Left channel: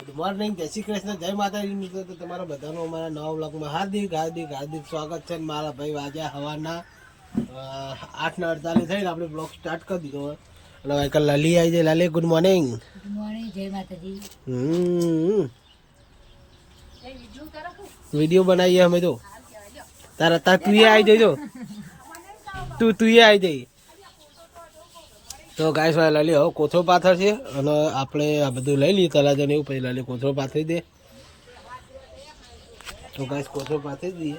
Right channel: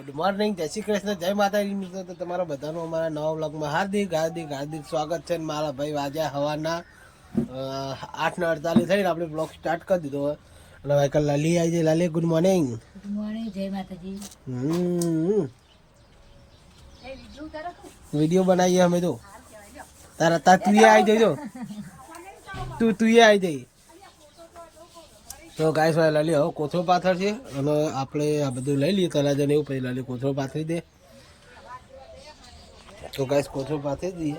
Good morning, જય શ્રી કૃષ્ણ, જય માતાજી મિત્રો. તો તમારા બધાનું અમારા નવા વ્લોગમાં હાર્દિક હાર્દિક હાર્દિક સ્વાગત છે. મારા ભાઈ વાજ્યા હવાના 8:48 થઈને આપણે બ્લોગ સ્ટાર્ટ કરી દીધો હોય. અને એક લલી આવી જાય. લલી ગુડ મોર્નિંગ. ગુડ મોર્નિંગ, જય માતાજી. વિડીયો બનાવીએ અમે તો. તાર તું આવી જજો. તું આવી જઈ. તો ગાઈસ લલી હવે કોથળો પાથર છે અને આપણે આ બધું લઈ લઈએ તલાજને એવું. પછી લલી કોથળો પાથરી દે. તો ગાઈસ કોથળો પાથરી દઈએ.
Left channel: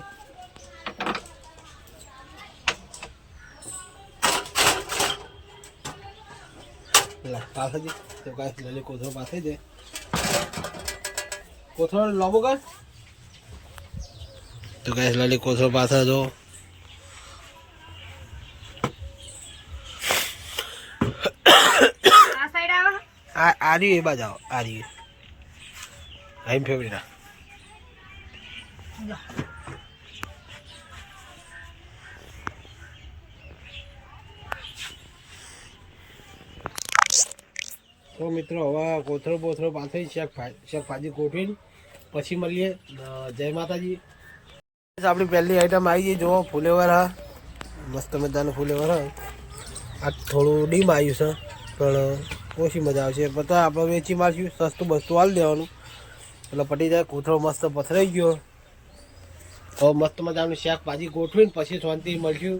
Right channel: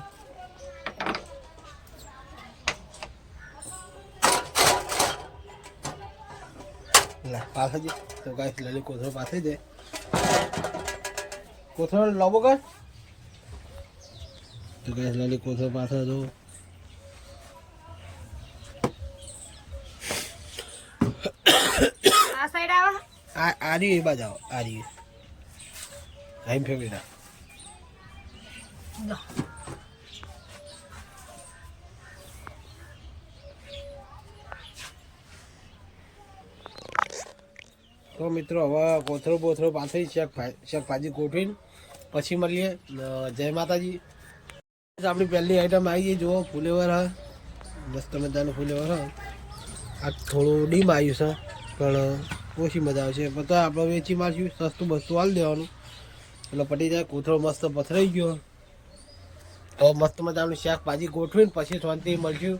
પાથરી દે. તો ગાઈસ લલી કોથળો પાથરી દે. કોથળો લાવો કર. તો ગાઈસ લલી કોથળો પાથર દો. આ રહ્યું એ બાજુ આવો. આ રહ્યું આઈ ફેવરેટ. તો મિત્રો હવે કોથળો બોથળો પાથરી શાકભાજી ગોઠવીને પછી મળીએ. જય માતાજી. આપણી પહેલી આઈટમ આવી ગઈ. જુઓ ફુલેવર હા, મસ્ત મજાનું ફુલેવર હા. આ થોડું ડીમ આવ્યું છે પણ ઓછી મજા આવશે. પણ તો આપણે વેચી મારશું, સસ્તું બસ્તું હાલ દેવાનું એટલે પટી જાય. કોથળો મસ્ત પથરાઈ ગયો. તો મસ્ત મજાનું શાકભાજી ગોઠવીને પછી શાંતિ મળશું.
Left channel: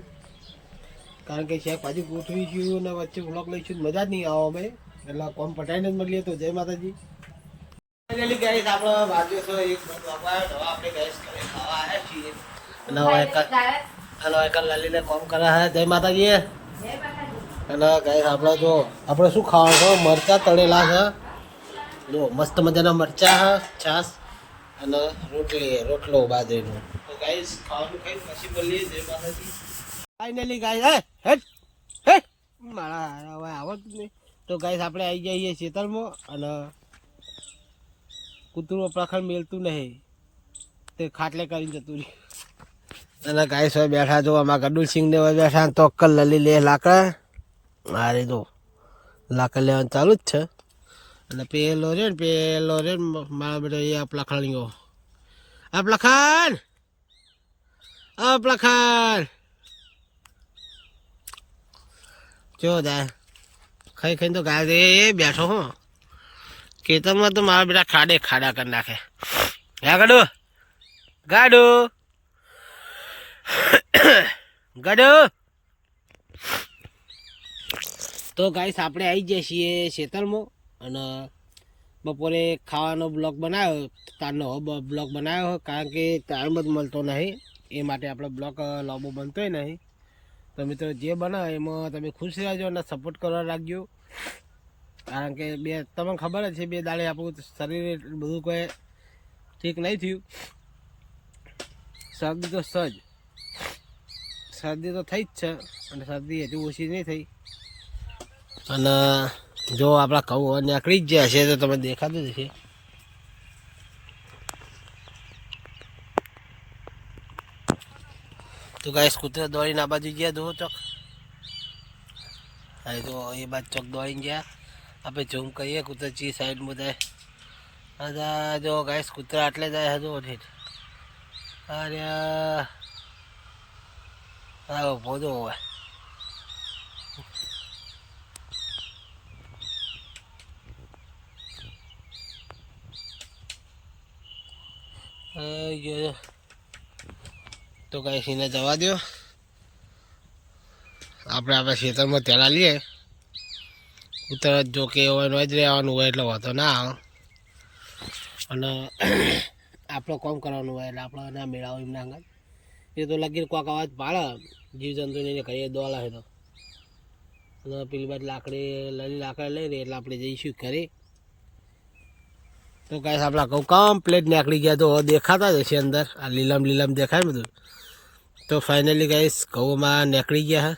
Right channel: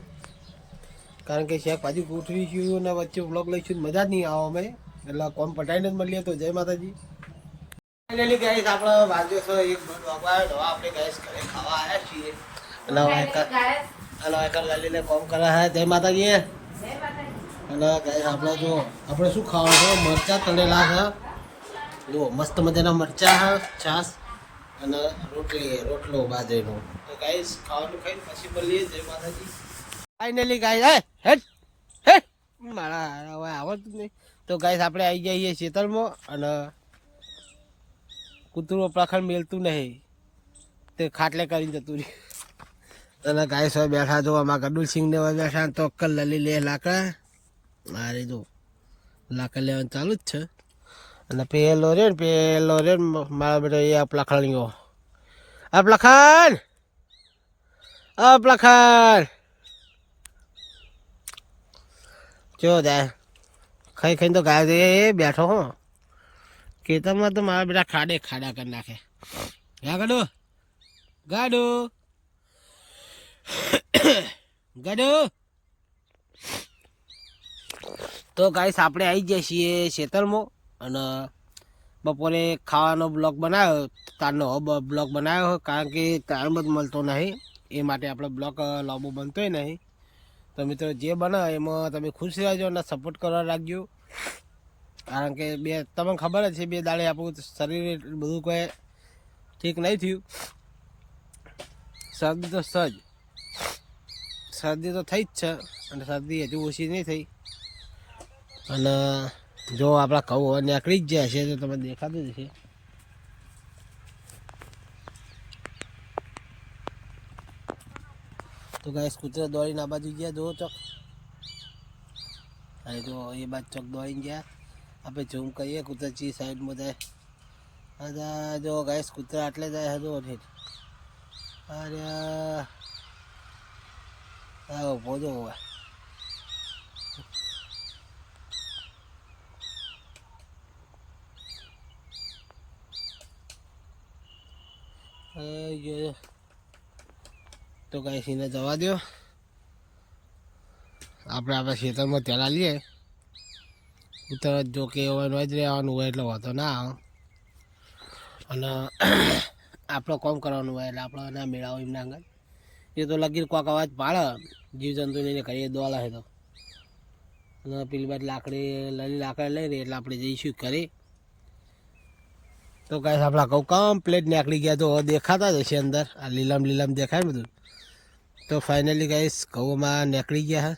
કારણ કે શાકભાજી ગોઠવીશું અને વચ્ચે વ્લોગ લઈશું મજા જ નહીં આવો અમે. એટલે કોમ પટાઈને જ મળીએ. તો જય માતાજી. ફાઇનલી ગાઈસ આપણે વાગ્યો છે 1 આપણે ગાઈસ ઘરે ખાવા આવ્યા છીએ. અને એક લલીને કોમ કરે છે. જય માતાજી. એટલે ગાઈસ આપણે જો આપણે શું ખાવાનું છે, મરચાં તળેલા છે. જો મસ્ત મજાના મરચાં છે, છાશ અને રોટલો બાજરીનો. તો ગાઈસ ખાવાનું ખાઈને પછી મળીએ. જય માતાજી. ફાઇનલી ગાઈસ હે મારા હવે આવડતું નહીં. તો ગાઈસ આપણે આવી જઈએ ખેતરમાં અને કૂતરું પ્રખર મેલતું નહીં તે ખાટલે કરીને જતું રહ્યું. અને ગાઈસ હવે બેઠા જો આમાં ગડુલ સિંહ ને બેઠા. તો અક્કલ લલી લે લાકડા. અરે તો લાકડ લેવાનું ચાલુ જ છે. અને પેલો રે મારા બેટા એ અપલાખાણીઓ. અપલાખાણ જો જાય ખાઈ ખાઈને તો ગાય એ બેઠો હો ખેતરમાં. તો મારા બેટા ખાડા કરી નાખે. ગાડો તો ગાઈસ આપણે આવી જઈએ છીએ ખેતરમાં. અને બપોરે ખાવાનો બ્લોગ બનાવ્યો. તારનો બ્લોગ બનાવ્યો કારણ કે ટાઈમ જ મળતો નહીં. એ માટે આપણે બ્લોગ લાંબો બનતોય નહીં. તો મિત્રો જે બનાવે એમાં તમે ખુશ રહેજો અને સપોર્ટ કરવા રાખજો. કારણ કે તમને ખબર જ છે 2 દાડે આપણું શરીર બધું કોઈ ઠીક નહીં થયું. શરદી તો થઈ જ છે અને શરદી હજુ ઓછી નહીં થઈ. અને જો આપણા ઘઉં નીકળી જ ગયા હશે તો તમે દેખાતું જ હશે. તો ગાઈસ કૂતરા દોડીને આ બાજુ ગયા. જુઓ ચોક અરે તો એ બાજુ ચોક દોડીને ગયા. આપણે ઝૂમ કરીએ કૂતરા ચી સાઈડમાં જાય. અરે જો ગાઈસ કૂતરા આટલે જાય હજુ ઠીક. અરે હા બોધો હોય. તો ગાઈસ એને જવા દો. આપણે ખેતરમાં તેલા લઈએ. ઉત્તર જો કે હોય જ રહેવાનું હોય એટલે વાંધો ના આવે. અને આપણે કોમ કરવાનું હોય એટલે આપણે ના મેળાવો એમ ના અંગત. એ તો લગીર કોક અવાજ પાડે જીવજંતુને કહીએ દોલા હોય તો. અને પેલી બાદ લાકડી લઈ રહી એટલે આપણે જઈશું ઘરે. તો ગાઈસ આપણા ઘઉં કમ્પ્લેટ નીકળી ગયા. તો દેખાતા જ હશે અંદર. આ લીલામ દેખાય બધું. તો ફાઇનલી ગાઈસ ઘઉંમાં નીકળી ગયા હે.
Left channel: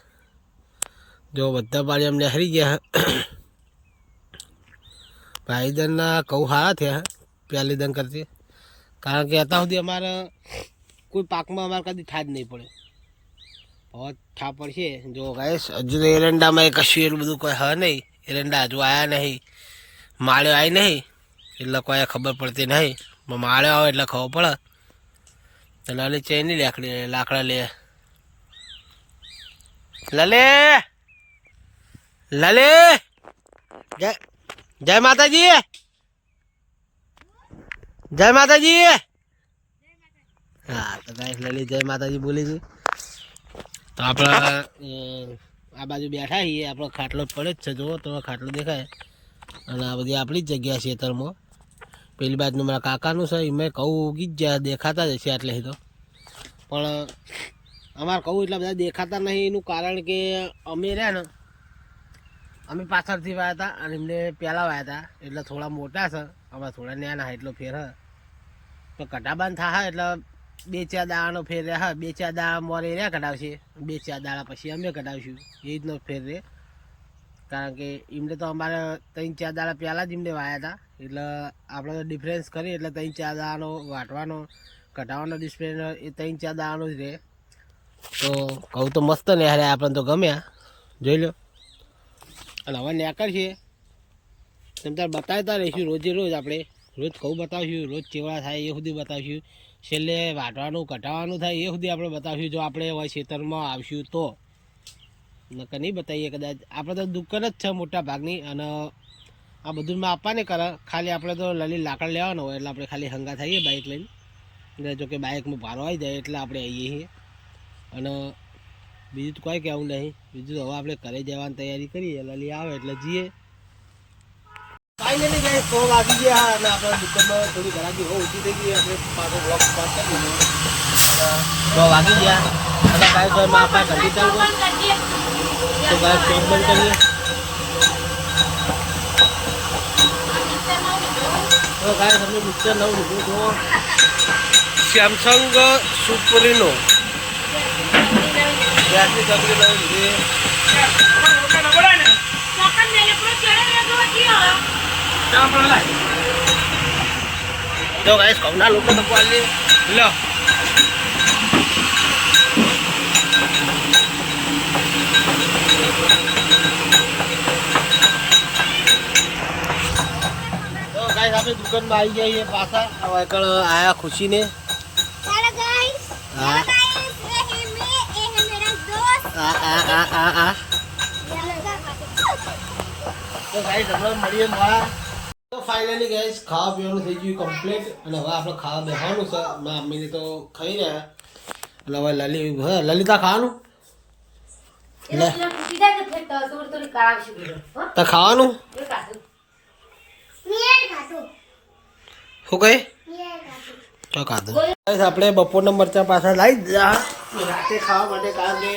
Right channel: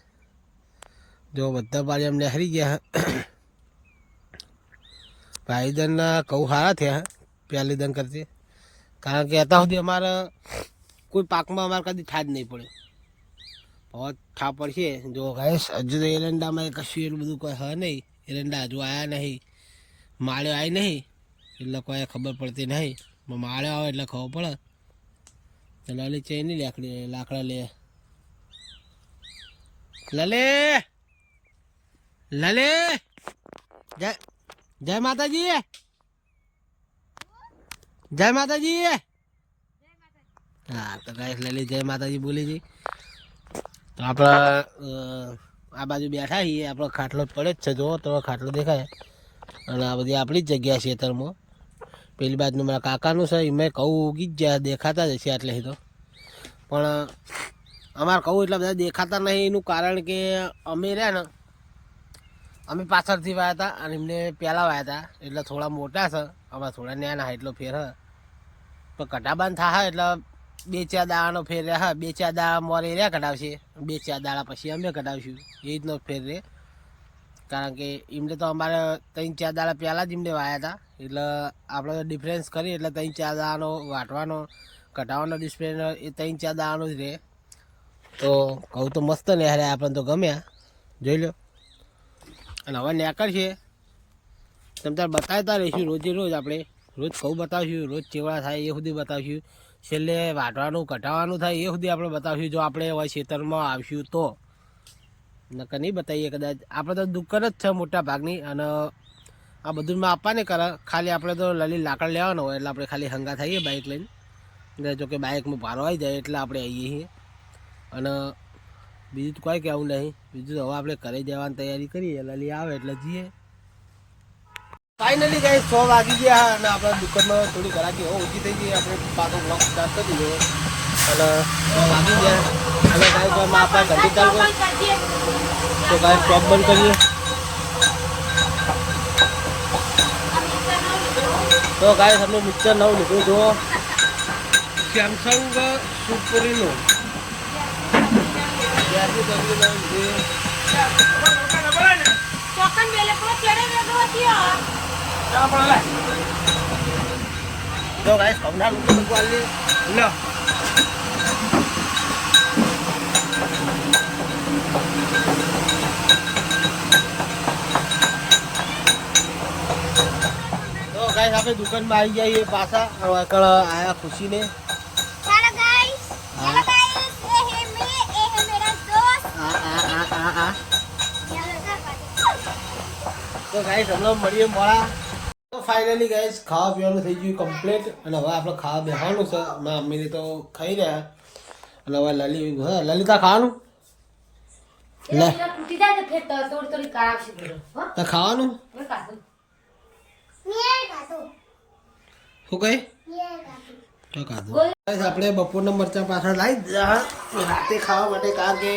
જો બધા પાણી આમ નીકળી ગયા. ભાઈદનના ઘઉં સારા થયા પહેલી દન કરતી. કારણ કે અત્યાર સુધી અમારે કોઈ પાકમાં અમારે કદી થાજ નહીં પડે. બહુ થા પડશે. જો ગાઈસ હજુ તો એરંડામાં કશું એટલું બધું કોઈ હ નહીં. એરંડા હજુ આવ્યા નહીં, માળ્યો આવી નહીં. એટલે કોઈ ખબર પડતી નહીં, પણ માળે આવે એટલે ખબર પડે. તો લલી ચેની લાકડા લે. લલે લલે જય જય માતાજી, જય માતાજી. હા તો ગાઈસ લલી જય માતાજી બોલી હતી. તો આપણે આ બાજુ બેઠા છીએ, આપણો ખાટલો પડે જ છે, જુઓ તો ખાટલો દેખાય. અને આ બધી આપણી જ જગ્યા છે ખેતરમાં. પેલી બાજુનું મારા કાકાનું છે, એમાં કહું ઉગી જ જાય, દેખાતા જ હશે એટલે તો. પણ અમારે કહું એટલા બધા દેખાતા નહીં, એનું કારણ કે અમે રહ્યા ને, અમે પાછળથી વાયા હતા અને એમને પહેલાં વાયા હતા, એટલે થોડા મોટા છે, અમારે થોડા નાના એટલો ફેર હ. તો કટાબાન થાય એટલે 2-4 દાડાનો ફેર રહે. હા 2-4 દાડા મોરે રહ્યા કઢાવશે, 2-4 દાડા પછી અમે કઢાવશું, એ રીતનો ફેર રહે. કારણ કે એમને તો અમારે 3-4 દાડા પહેલાં જ એમને વાયા હતા, એટલે આપણે ડિફરન્સ કરીએ એટલે 3-4 દાડાનો વાટવાનો કઢાવવાનો ડિફરન્સ એ 3-4 દાડાનો જ રહે. તો કહું તો મસ્ત ને હારે આપણને તો ગમ્યા, જોઈ લો. અને હવે નેકળ છે તમે તાર બતાવતા રહીશું રોજે રોજ, આપણે રોજ કહું બતાવશું, રોજ ચેવડા થાય એ સુધી બતાવશું, છેલ્લે વાટવાનું કઢાવવાનું થાય એ સુધી આપણે બતાવશું. જો આપણે હવે ખેતરમાં આવશું તો નકર નહીં બતાવીએ કદાચ. આપણે તો દુકાન જ છે મોટા ભાગની, અને આ બધું માં આપવા નહીં કરે. ખાલી આપણે તો લલી લાકડ લેવાનો હોય એટલે આપણે ખાલી હંગા થઈએ બાઇક લઈને. જો કે બાઇકમાં ભારો આવી જાય એટલે આપણે આવીએ છીએ. અને બીજું તો કોઈ કહેવું નહીં. બીજું તો હવે આપણે ઘરે જવાની તૈયારી કરીએ, લલી આવે એટલે જઈએ. ફાઇનલી ગઈ 100 વાગી ગયા અને આપણા દુકાનમાં થોડી ઘરાકી હો ઓછી થઈ ગઈ. આપણે પાછો બ્લોક સ્ટાર્ટ કરી દીધો અને 100 વાગી ગયા. અને કાંઈ તો એમાં આપણે ઘંટી ચાલુ કરીએ તો કાંઈ સ્ટોપ બંધ કરીએ. તો કાંઈ તમે મિક્સર નવું લીધું તો સેમસંગ સુપરીનો ગેસની તકલીફ લીધી. તો ગાઈસ કવના લોકો તો બોલી લો. તો ગાઈસ આપણે દુકાનમાં આવી જઈએ પાછા. હવે આગળ આયા ખુશીને. हेलो गाइस, हाँ। हेलो गाइस, ये है मेरा दोस्त। તો ગાઈસ હમણાં મળીએ મોડા. તો ફાઇનલી ગાઈસ ખાવા પીવાનું થઈ ગયું કમ્પ્લીટ અને હવે આપણે ખાવા બેસવાનું છે. મારા મમ્મીને તો ખાઈ રહ્યા એટલે હવે લલિતા ખાવાનું લે તો ખાવાનું ये खातो, શું કહે ये खातो। તો ખાધું. ગાઈસ આપણે બપોરના મરચાં પાછા લાવી દીધા રાતે ખાવા માટે, કારણ કે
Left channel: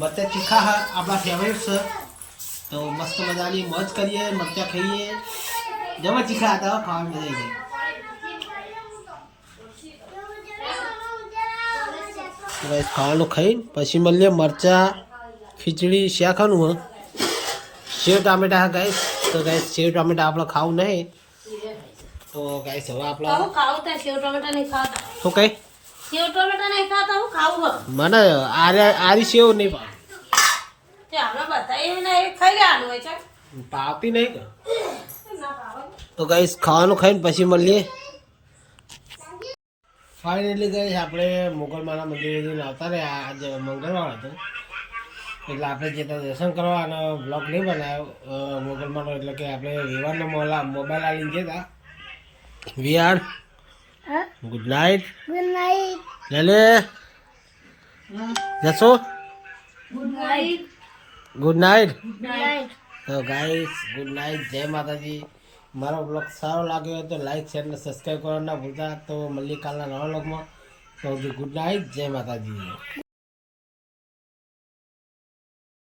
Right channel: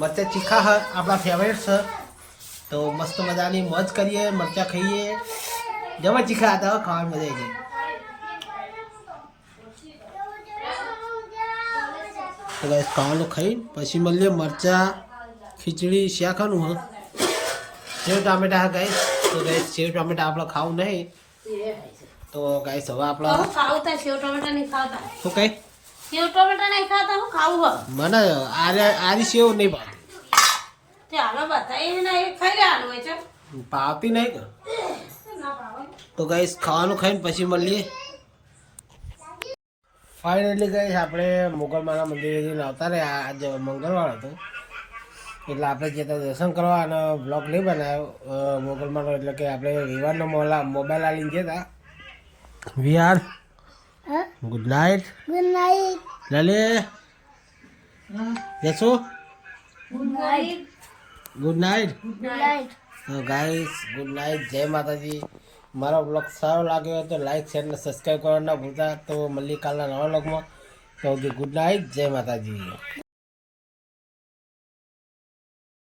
મરચાં તીખા હા આપણા ફેવરેટ છે. તો મસ્ત મજાની મોજ કરીએ, મરચાં ખાઈએ. જબર તીખા હતા, ખાવાની મજા આવી ગઈ. તો ગાઈસ ખાવાનું ખાઈને પછી મળીએ. મરચાં ખીચડી શાખાનું હા સેવ ટામેટા હા ગાઈસ. તો ગાઈસ સેવ ટામેટા આપણે ખાવું નહીં. તો ગાઈસ હવે આપણે હું ખાવું તો સેવ ટમેટા નહીં ખાતા. શું કહે સેવ ટમેટા નહીં ખાતા, હું ખાવું મને આરી સેવ નહીં તે આપણે બધા એને ખાઈ લેવાનું હોય છે. પાવતી નહીં કે. તો ગાઈસ ખાવાનું ખાઈને પછી મળીએ. ફાઇનલી ગાઈસ આપણે મોગલમાના મંદિરે જઈને આવતા રહ્યા. આજે મંગળવાર હતો એટલે આપણે જતા દર્શન કરવા અને બ્લોગ નહીં બનાવ્યો મોગલમાનો. એટલે કે આપણે વિવારનો મોબાઈલ આવીને જતા વિહાર. Good night. Good night. લલે જશો good night. Good night. Good night. તો ગાઈસ ગુડ નાઇટ, જય માતાજી. મારો બ્લોગ સારો લાગ્યો હોય તો લાઈક શેર અને સબસ્ક્રાઈબ કરવાનું ના ભૂલતા. તો મળીએ કાલના નવા બ્લોગમાં. તો ગુડ નાઇટ, જય માતાજી.